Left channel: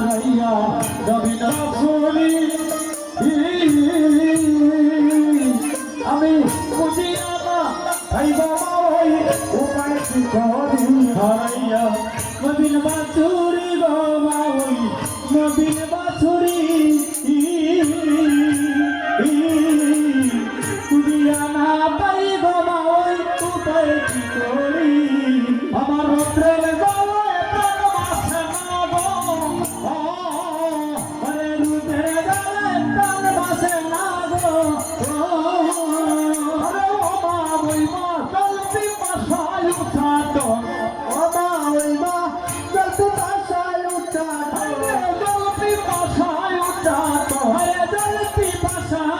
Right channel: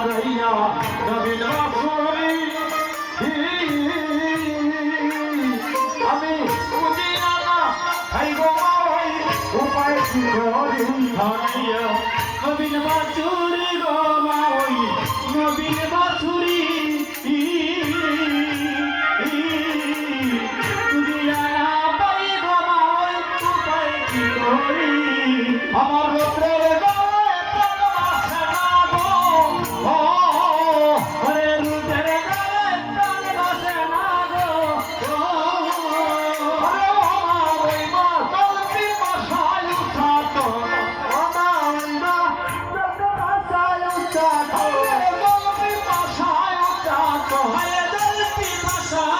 হারাইয়া যাবি না ভুলি আমি বুঝি না ভাই বাবা ভাই উপায় কি নবীন বাচুরি গো মা নবীন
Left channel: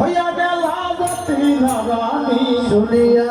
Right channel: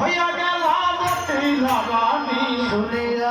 হইয়া গেল লাগানি। শুনিয়া